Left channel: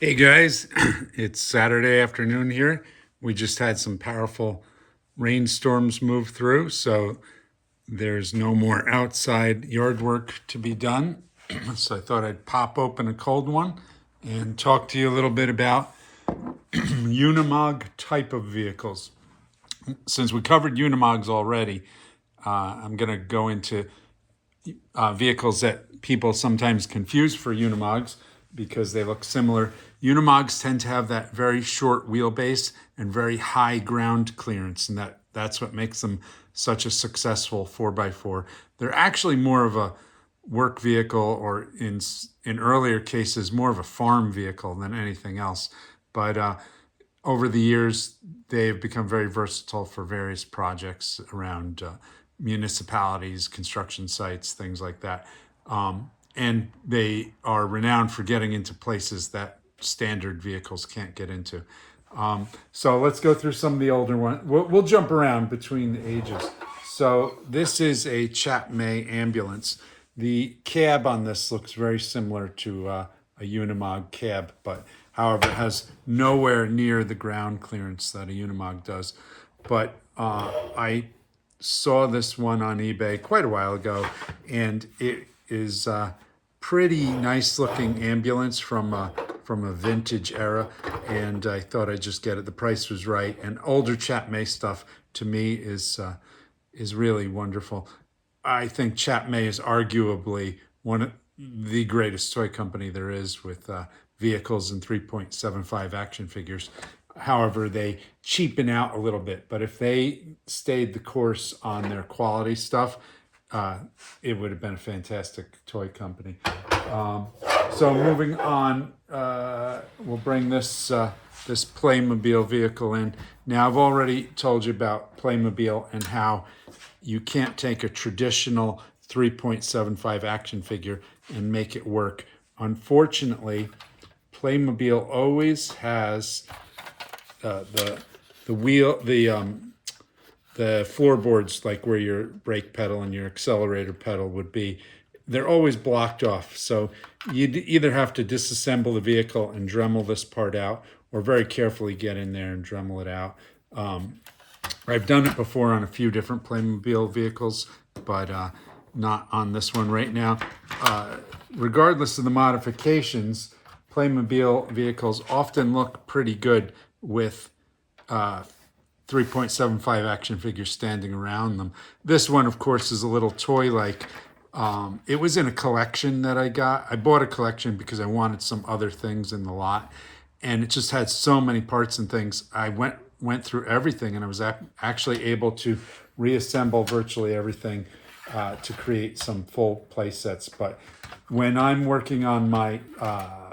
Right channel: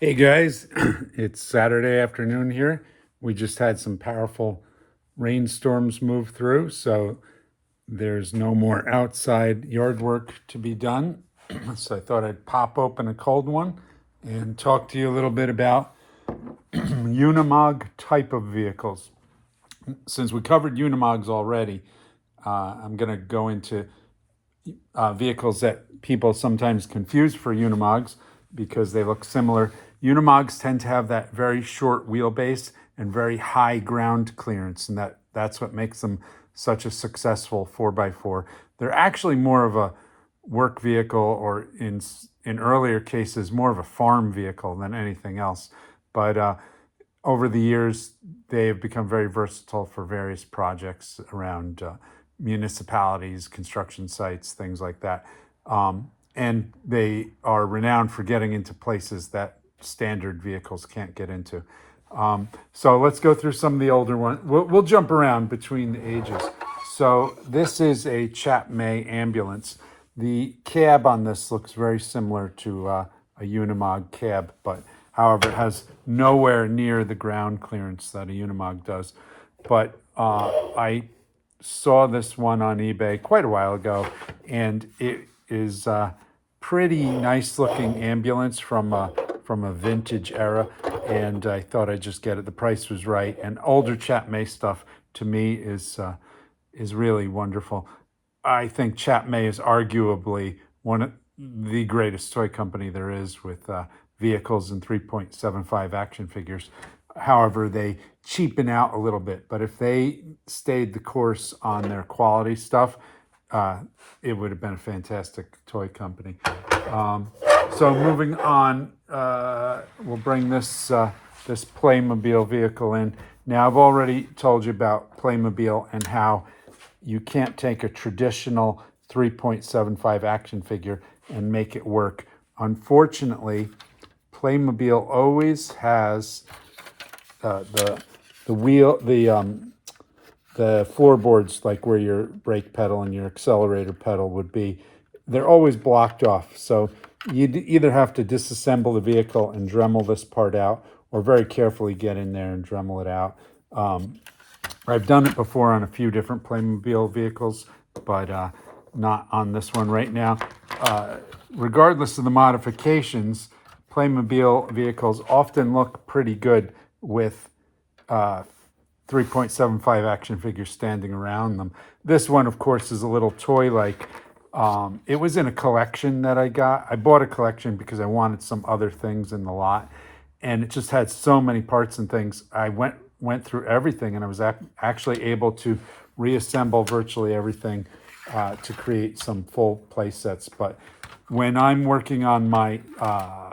Hey guys, it's Saturday afternoon here. We just had some powerful rainstorms move through, so there's no more outside yard work to be done. So I thought I'd pop open a cold one and talk to you a little bit about Unimog type of vehicles. Since we covered Unimogs already, I'm going to go into vehicles that people sometimes confuse for Unimogs because they look similar. Unimogs tend to have that very short wheelbase and very high ground clearance, and that's what makes them such a successful 4x4. They're actually more of a work vehicle, or in earlier cases, more of a farm vehicle than anything else. But over the years, they have become very versatile for various projects around municipalities, construction sites, things like that. And they are renowned for getting into places that standard vehicles can't get into. So let's go through some of the older ones. We'll jump around between the ages. So this is a Chap May ambulance. The cab on this looks very similar to a Unimog cab, but however, it has nowhere near the ground clearance that a Unimog does. But I saw this one on eBay quite a while ago, and it is a pretty nice looking ambulance from a vintage era, and I thought I'd just get it. The price was right, and older Chap May stuff to me is really wonderful. I think Chap May is arguably one of the greatest toy company there is with vehicles and 3.75 action figures. However, they cheapen out a little bit, but if they stayed the course on their quality stuff, it would have been a fantastic toy company. So moving on, we'll bring this Playmobil vehicle in. Now, I've already told you about Playmobil and how you can't take a traditional 3.75 action figure and make it work. Unfortunately, Playmobil always has the wheel, the floorboards, like where your brake pedal and your accelerator pedal would be. They're always blocked off. So you'd either have to disassemble the vehicle and Dremel this part out, or very carefully get in there and Dremel it out. I've done it before on a few different Playmobil vehicles, but not on this one right now. Regardless of the modifications, Playmobil vehicles often look pretty good with 3.75 action figures standing around them. This one, of course, is a little toy-like. It was in a collection that I got. I bought a collection because I wanted some other things in the lot, and it just had so many parts and things. I went through everything, and I was actually able to reassemble virtually everything to create some full play sets. But when I'm working on my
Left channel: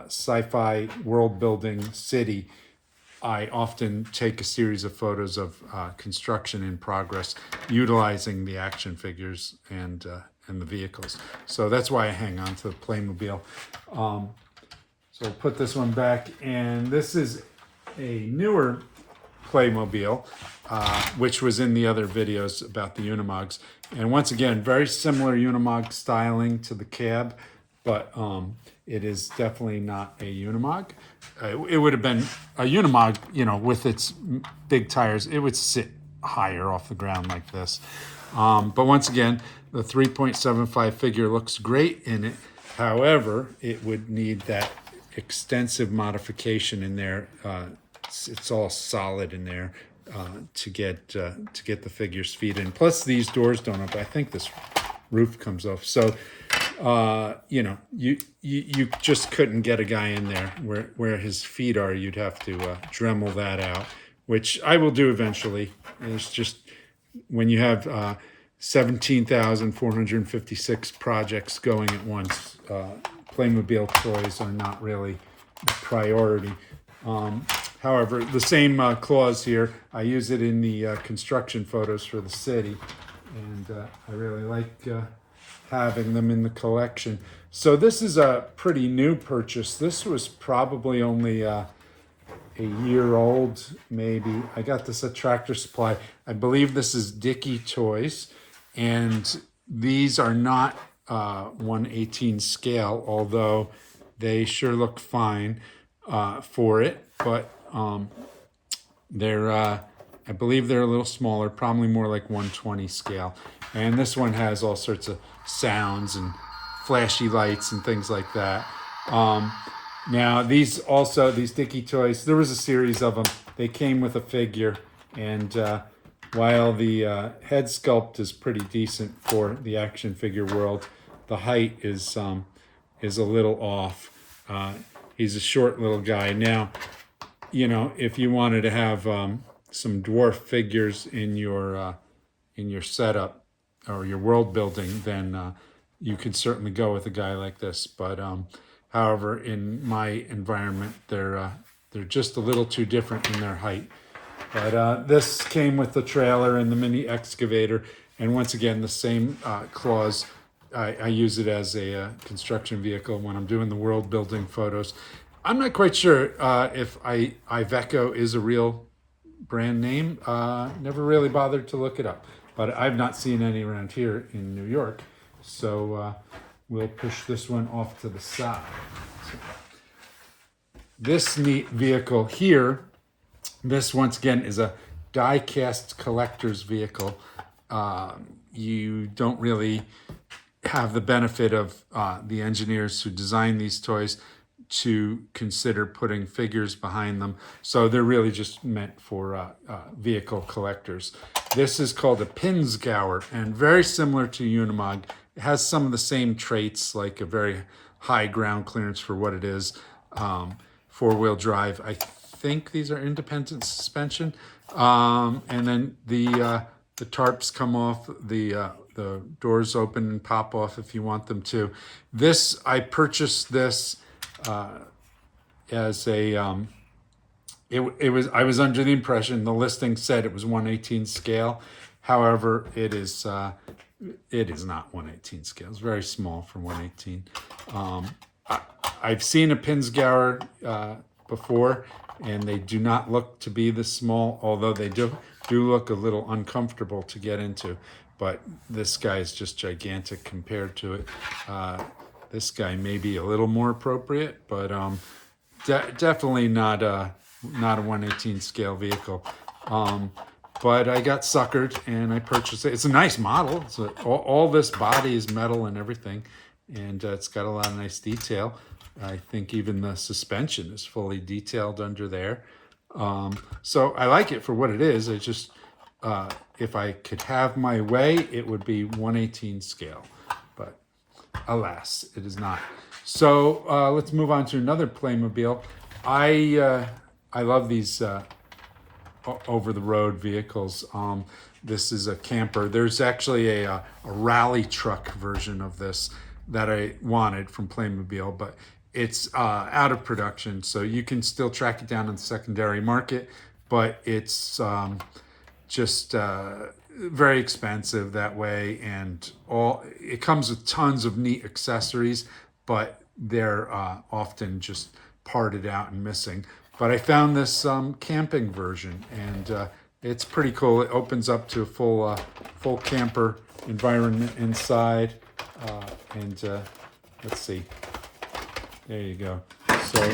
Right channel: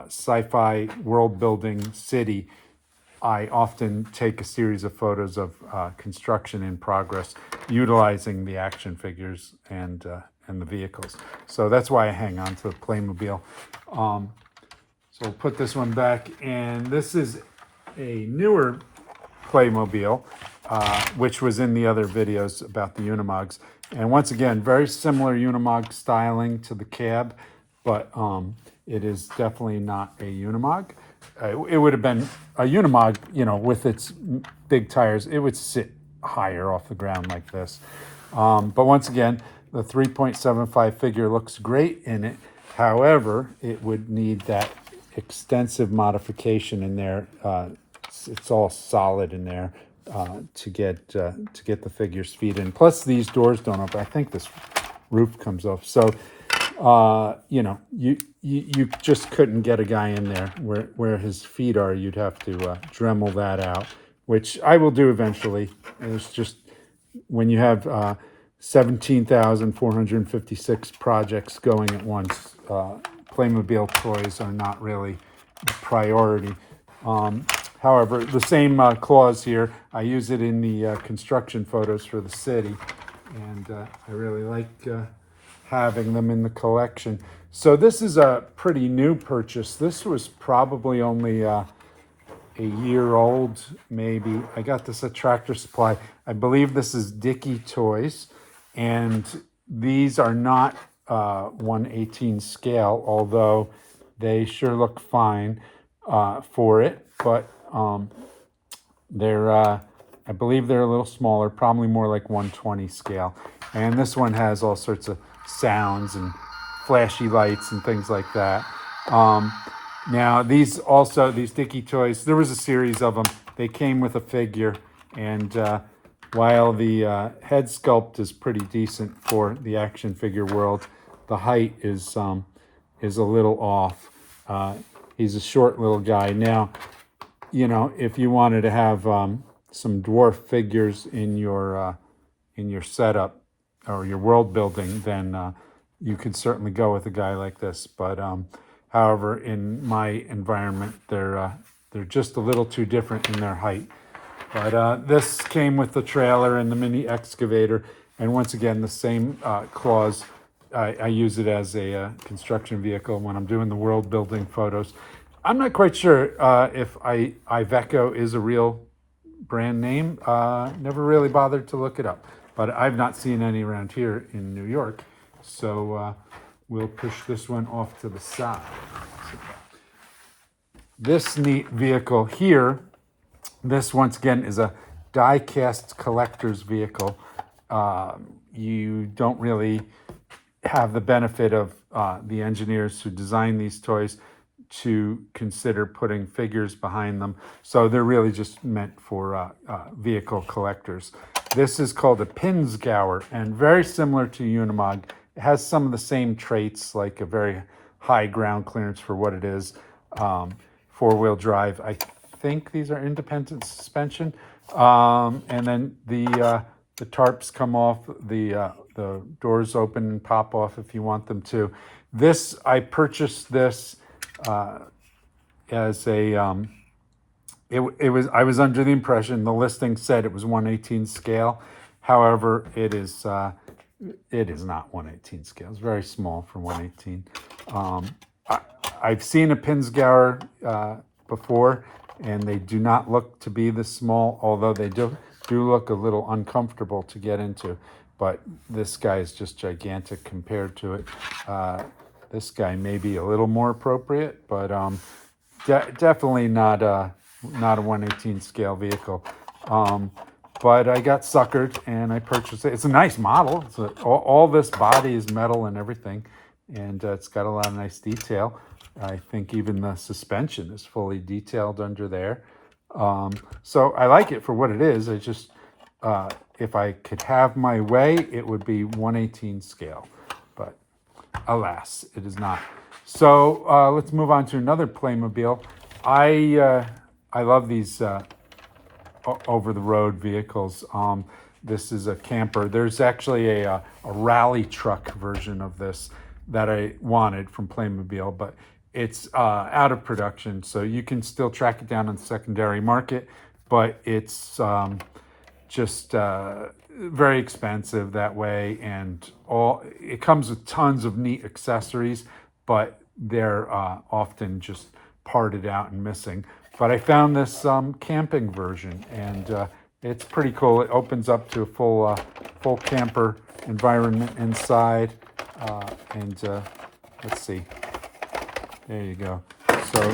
sci-fi world building city, I often take a series of photos of construction in progress, utilizing the action figures and the vehicles. So that's why I hang on to the Playmobil. So I'll put this one back, and this is a newer Playmobil, which was in the other videos about the Unimogs. And once again, very similar Unimog styling to the cab, but it is definitely not a Unimog. It would have been a Unimog, with its big tires. It would sit higher off the ground like this. But once again, the 3.75 figure looks great in it. However, it would need that extensive modification in there. It's all solid in there to get the figure's feet in. Plus, these doors don't open. I think this roof comes off. So, you just couldn't get a guy in there where his feet are. You'd have to Dremel that out, which I will do eventually. It's just when you have 17,456 projects going at once, Playmobil toys are not really a priority. However, the same clause here, I use it in the construction photos for the city, and I really like having them in the collection. So this is a pretty new purchase. This was probably only a year old, maybe. I got this at Tractor Supply. I believe this is Dickey Toys, and these are not 1/18 scale, although they sure look fine. for it, but they're, I believe they're a little smaller, probably more like 120 scale. And this one has all sorts of sounds and flashy lights and things like that. Now, these Dicky toys, there was a series of them. They came with a figure, and while the head sculpt is pretty decent for the action figure world, the height is a little off. He's a short little guy. Now, if you wanted to have some dwarf figures in your setup or your world building, then you could certainly go with a guy like this. But however, in my environment, they're just a little too different in their height. But this came with the trailer and the mini excavator, and once again, the same clause. I use it as a construction vehicle when I'm doing the world building photos. I'm not quite sure if Iveco is a real brand name. Never really bothered to look it up, but I've not seen any around here in New York. So we'll push this one off to the side. This neat vehicle here, this once again is a die-cast collector's vehicle. You don't really have the benefit of the engineers who design these toys to consider putting figures behind them. So they're really just meant for vehicle collectors. This is called a Pinsgauer, and very similar to Unimog. It has some of the same traits, like a very high ground clearance for what it is. Four-wheel drive. I think these are independent suspension. And then the tarps come off, the doors open and pop off if you want them to. I purchased this as a, I was under the impression the listing said it was 1/18 scale. However, it is not 1/18 scale. It's very small for 1/18. I've seen a Pinsgauer before, and they do not look to be this small, although they do look a little uncomfortable to get into. But this guy is just gigantic compared to it. This guy may be a little more appropriate, but definitely not a 1/18 scale vehicle. But I got suckered and I purchased it. It's a nice model. All this body is metal and everything, and it's got a lot of nice detail. I think even the suspension is fully detailed under there. So I like it for what it is. I just, if I could have my way, it would be 1/18 scale. But alas, it is not. So let's move on to another Playmobil. I love these over-the-road vehicles. This is a camper. There's actually a rally truck version of this that I wanted from Playmobil, but it's out of production, so you can still track it down on the secondary market, but it's just very expensive that way, and it comes with tons of neat accessories, but they're often just parted out and missing. But I found this camping version, and it's pretty cool. It opens up to a full camper environment inside, and let's see. There you go. So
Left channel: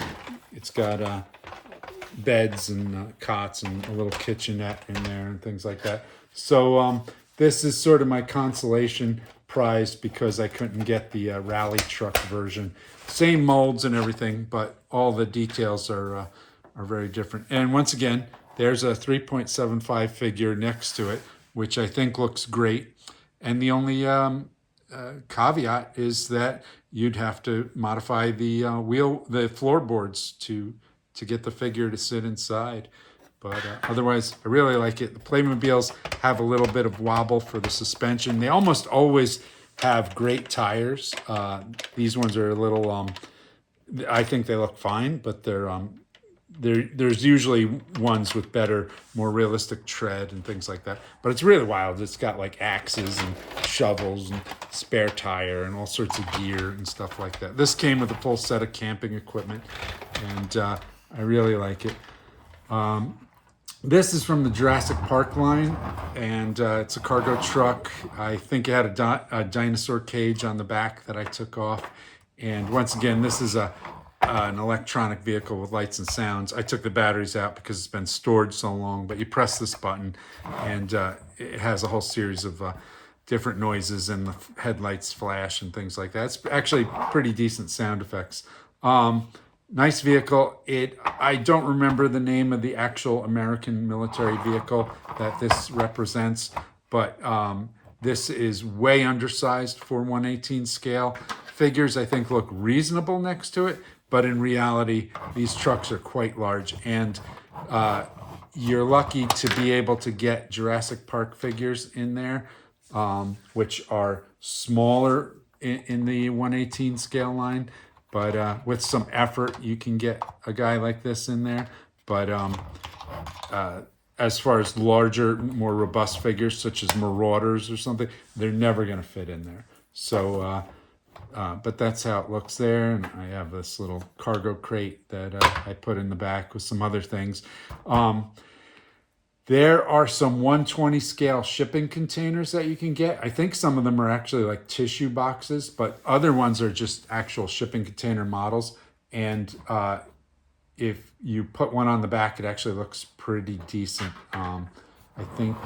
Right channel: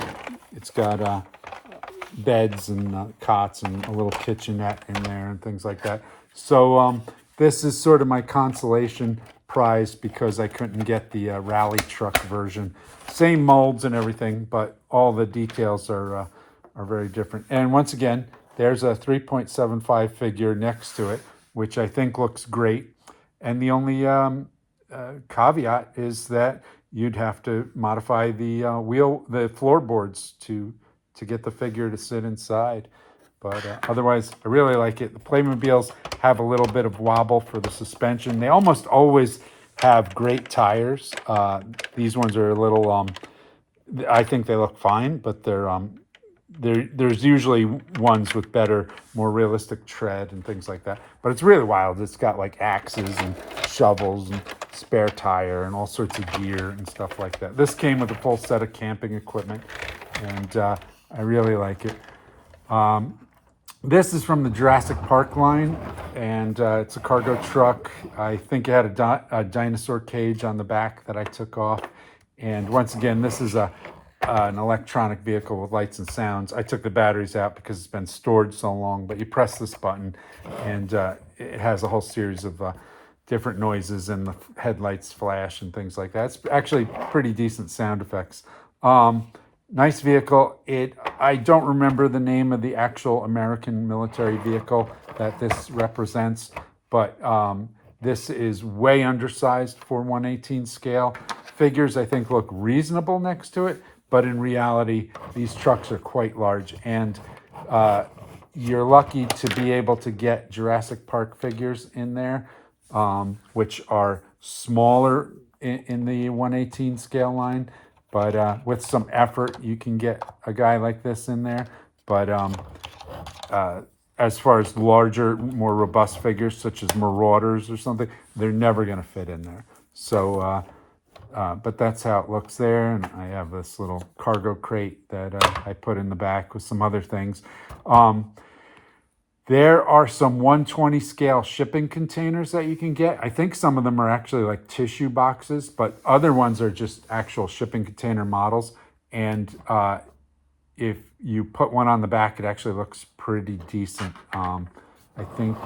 it's got beds and cots and a little kitchenette in there and things like that. So this is sort of my consolation prize because I couldn't get the rally truck version. Same molds and everything, but all the details are very different. And once again, there's a 3.75 figure next to it, which I think looks great. And the only caveat is that you'd have to modify the floorboards to get the figure to sit inside. But otherwise, I really like it. The Playmobils have a little bit of wobble for the suspension. They almost always have great tires. These ones are a little, I think they look fine, but there's usually ones with better, more realistic tread and things like that. But it's really wild. It's got like axes and shovels and spare tire and all sorts of gear and stuff like that. This came with a full set of camping equipment, and I really like it. This is from the Jurassic Park line, and it's a cargo truck. I think it had a dinosaur cage on the back that I took off. And once again, this is a an electronic vehicle with lights and sounds. I took the batteries out because it's been stored so long, but you press this button and it has a whole series of different noises, and the headlights flash and things like that. It's actually pretty decent sound effects. Nice vehicle. I don't remember the name of the actual American military vehicle that this represents, but this is way undersized for 1/18 scale. Figures, I think, look reasonable next to it, but in reality, these trucks are quite large, and you're lucky to be able to get Jurassic Park figures in there, which are smaller in the 1/18 scale line. But with some effort, you can get a guy like this in there. But as far as larger, more robust figures, such as Marauders or something, they're never going to fit in there. So, but that's how it looks there. And I have this little cargo crate that I put in the back with some other things. There are some 1/20 scale shipping containers that you can get. I think some of them are actually like tissue boxes, but other ones are just actual shipping container models. And if you put one on the back, it actually looks pretty decent. I think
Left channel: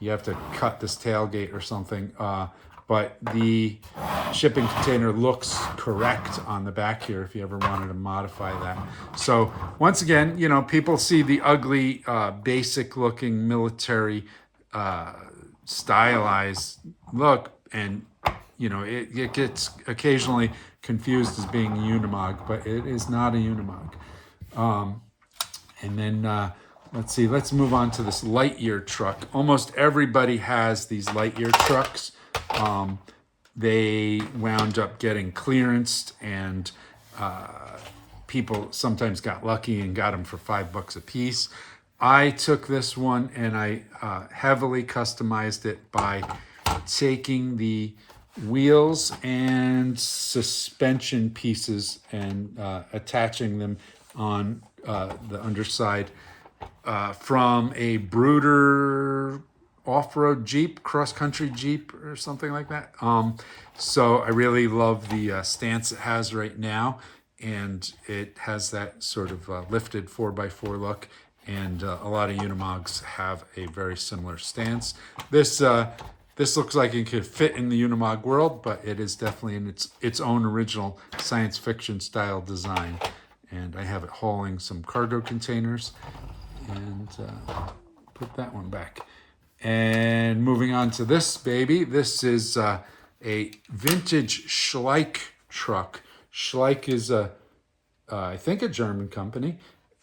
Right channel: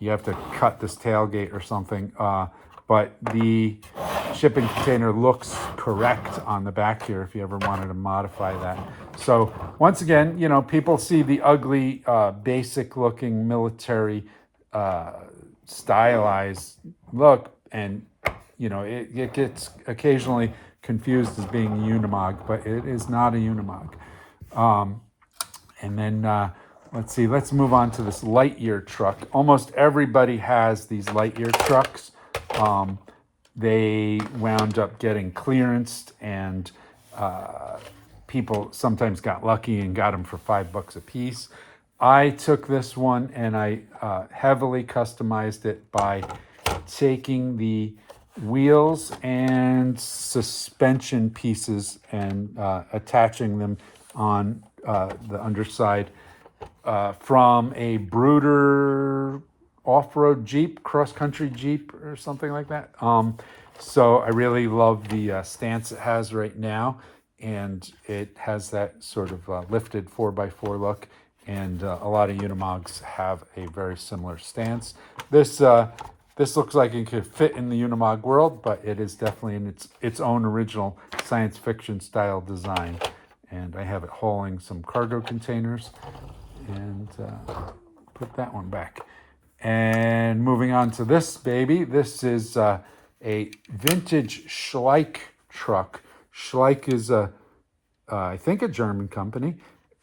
you have to cut this tailgate or something, but the shipping container looks correct on the back here if you ever wanted to modify that. So once again, you know, people see the ugly, basic looking military stylized look, and you know, it gets occasionally confused as being a Unimog, but it is not a Unimog. And then let's see, let's move on to this Lightyear truck. Almost everybody has these Lightyear trucks. They wound up getting clearanced, and people sometimes got lucky and got them for $5 a piece. I took this one and I heavily customized it by taking the wheels and suspension pieces and attaching them on the underside from a Brooder off-road Jeep, cross-country Jeep or something like that. So I really love the stance it has right now, and it has that sort of lifted 4x4 look, and a lot of Unimogs have a very similar stance. This looks like it could fit in the Unimog world, but it is definitely in its own original science fiction style design. And I have it hauling some cargo containers, and put that one back. And moving on to this baby, this is a vintage Schleich truck. Schleich is I think a German company,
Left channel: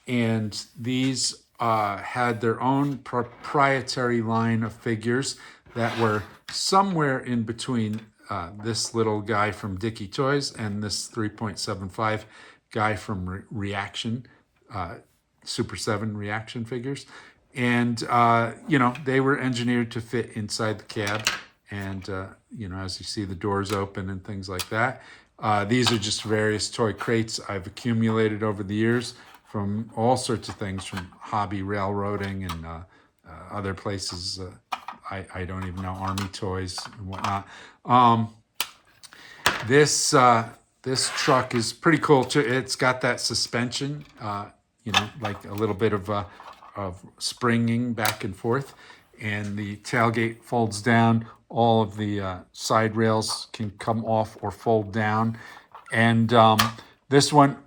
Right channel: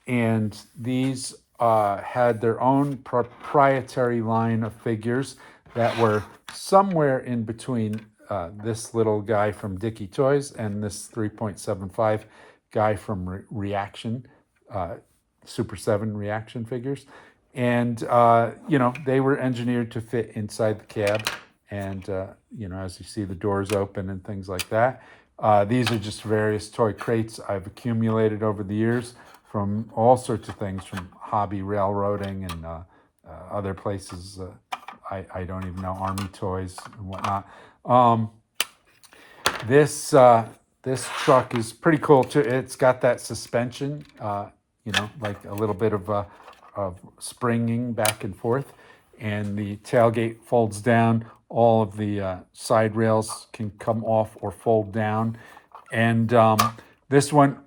and these had their own proprietary line of figures that were somewhere in between this little guy from Dicky Toys and this 3.75 guy from Reaction, Super 7 Reaction figures. And, you know, they were engineered to fit inside the cab. And, you know, as you see, the doors open and things like that. These are just various toy crates I've accumulated over the years from all sorts of things, from hobby railroading and other places. I don't even know, Army toys and whatnot. This truck is pretty cool too. It's got that suspension, you know, like a little bit of springing back and forth, and the tailgate folds down. All of the side rails can come off or fold down, and this one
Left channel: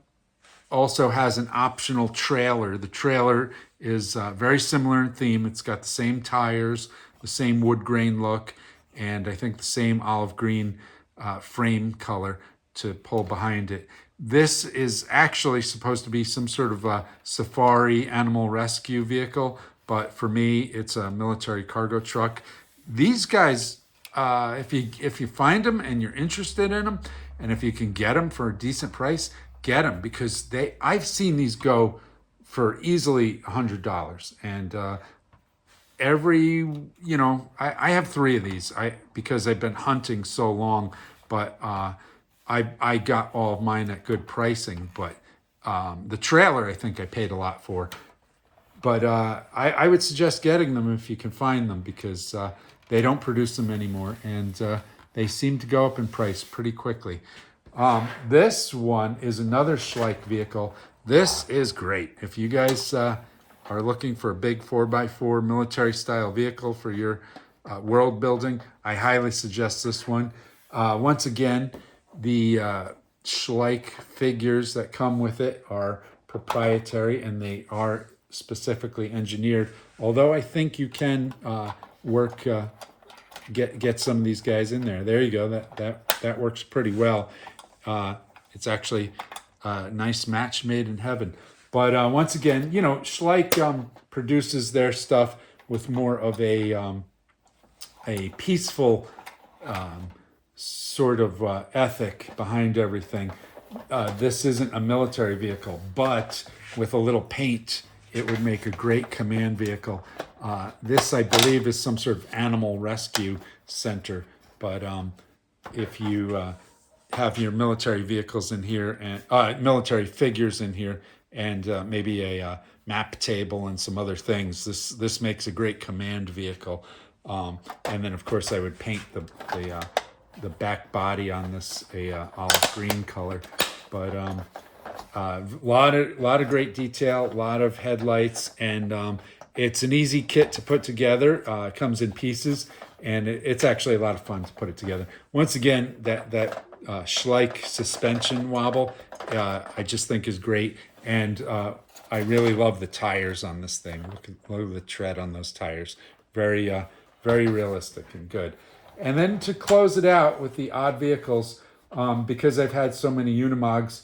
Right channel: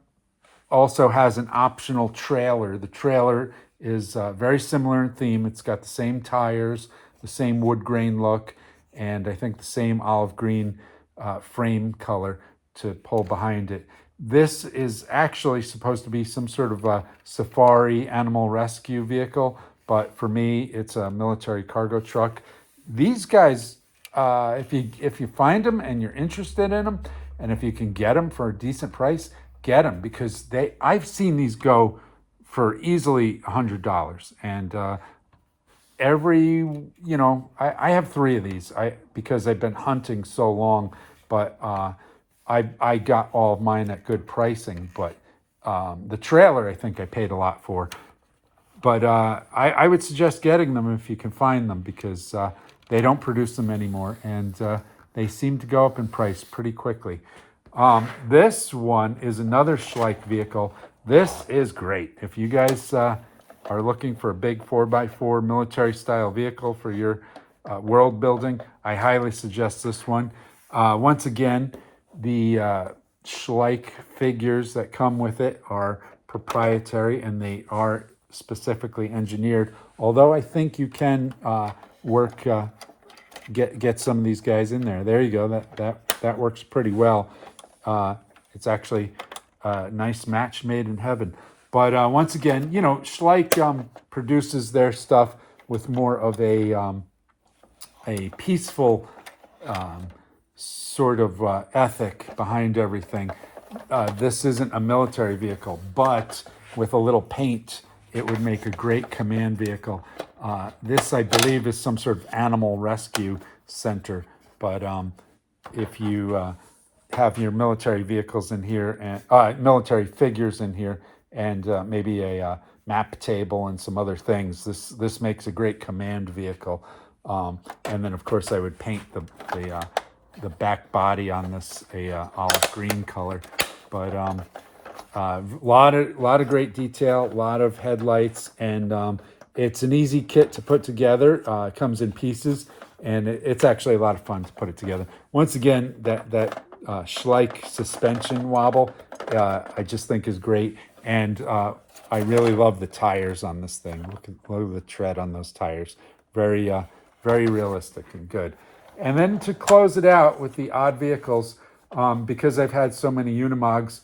also has an optional trailer. The trailer is very similar in theme. It's got the same tires, the same wood grain look, and I think the same olive green frame color to pull behind it. This is actually supposed to be some sort of a safari animal rescue vehicle, but for me, it's a military cargo truck. These guys, if you find them and you're interested in them, and if you can get them for a decent price, get them, because I've seen these go for easily $100, and I have 3 of these because I've been hunting so long, but I got all of mine at good pricing. But the trailer I think I paid a lot for, but I would suggest getting them if you can find them, because they don't produce them anymore, and they seem to go up in price pretty quickly. This one is another Schleich vehicle. This is great. If you guys are looking for a big 4x4 military style vehicle for your world building, I highly suggest this one. Once again, the Schleich figures that come with it are proprietary and they are specifically engineered. Although I think you can get some of these guys in there. There you go. That works pretty well. It's actually a nice match made in heaven. But once again, you know, Schleich produces their stuff with more of a peaceful sort of ethic behind everything. This isn't a military vehicle, but with a little paint, it would make a great command vehicle. This, I believe, is some sort of animal rescue center. But if you have your military vehicles in here and military figures in here, and maybe a map table and some other things, this makes a great command vehicle. And then, of course, I would paint the back body on this a olive green color. But lot of great detail, a lot of headlights, and it's an easy kit to put together. It comes in pieces, and it's actually a lot of fun to put it together. Once again, that Schleich suspension wobble, I just think is great, and I really love the tires on this thing. Look at the tread on those tires. Very realistic and good. And then to close it out with the odd vehicles, because I've had so many Unimogs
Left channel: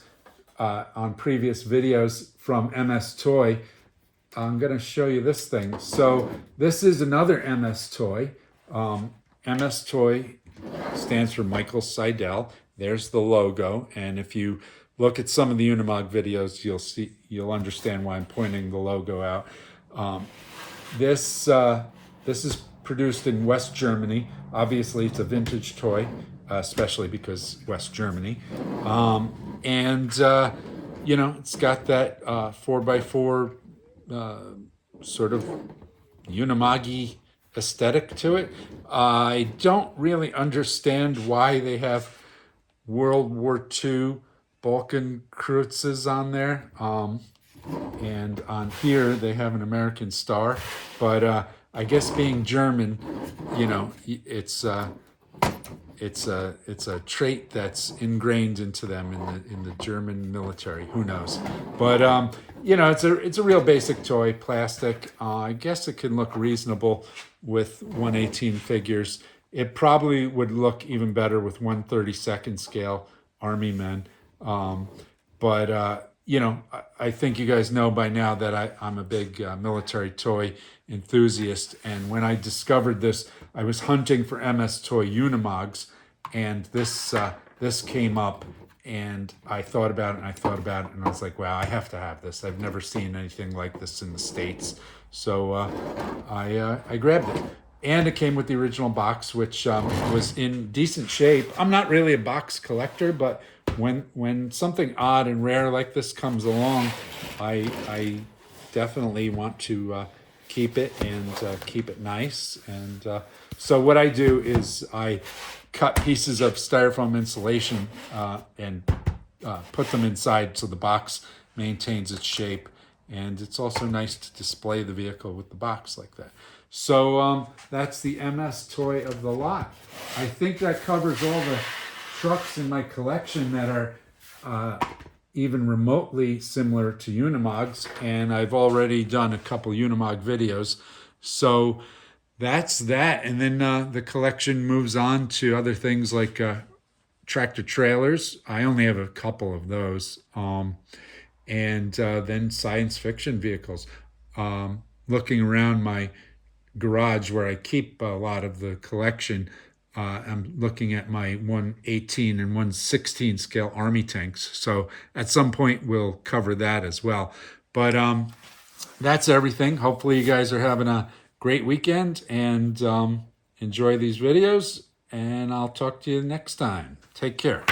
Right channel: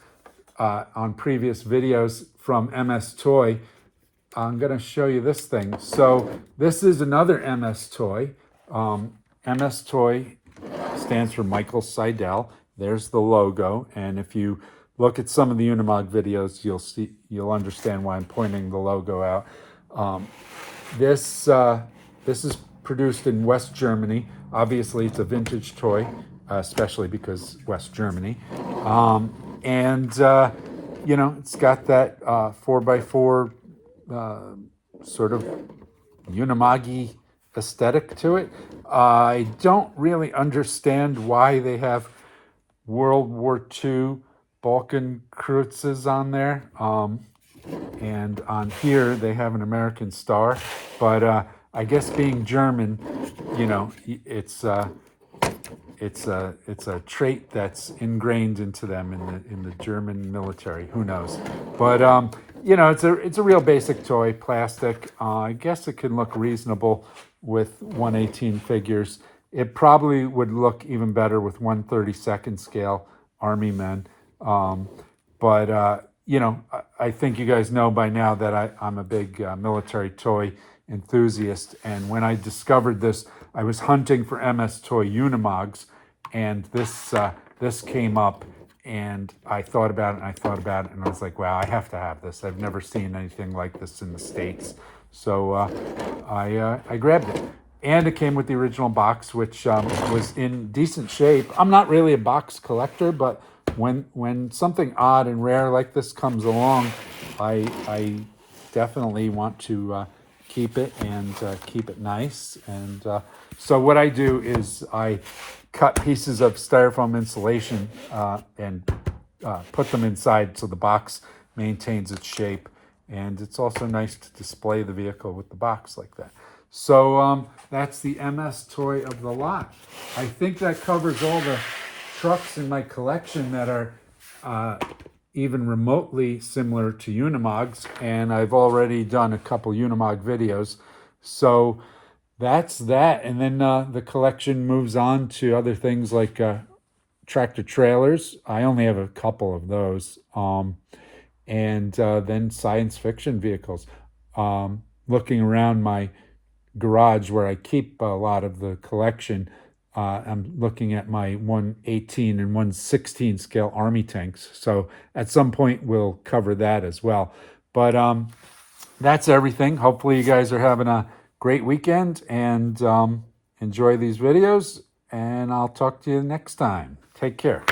on previous videos from MS Toy, I'm going to show you this thing. So this is another MS Toy. MS Toy stands for Michael Seidel. There's the logo. And if you look at some of the Unimog videos, you'll understand why I'm pointing the logo out. This is produced in West Germany. Obviously, it's a vintage toy, especially because West Germany. You know, it's got that 4x4 sort of Unimog-y aesthetic to it. I don't really understand why they have World War II Balkan Kreuzes on there. And on here, they have an American star. But I guess being German, you know, it's a trait that's ingrained into them in the German military. Who knows? But you know, it's a real basic toy, plastic. I guess it can look reasonable with 1/18 figures. It probably would look even better with 1/32 scale Army men. You know, I think you guys know by now that I'm a big military toy enthusiast. And when I discovered this, I was hunting for MS Toy Unimogs, and this came up, and I thought about it, and I was like, wow, I have to have this. I've never seen anything like this in the States. So I grabbed it. And it came with the original box, which was in decent shape. I'm not really a box collector, but when something odd and rare like this comes along, I definitely want to keep it and keep it nice. And so what I do is I cut pieces of styrofoam insulation and put them inside so the box maintains its shape. And it's also nice to display the vehicle with the box like that. So that's the MS toy of the lot. I think that covers all the trucks in my collection that are even remotely similar to Unimogs, and I've already done a couple Unimog videos. So that's that. And then the collection moves on to other things like tractor trailers. I only have a couple of those. And then science fiction vehicles. Looking around my garage where I keep a lot of the collection, I'm looking at my 1/18 and 1/16 scale Army tanks. So at some point we'll cover that as well. But that's everything. Hopefully you guys are having a great weekend and enjoy these videos. And I'll talk to you next time. Take care.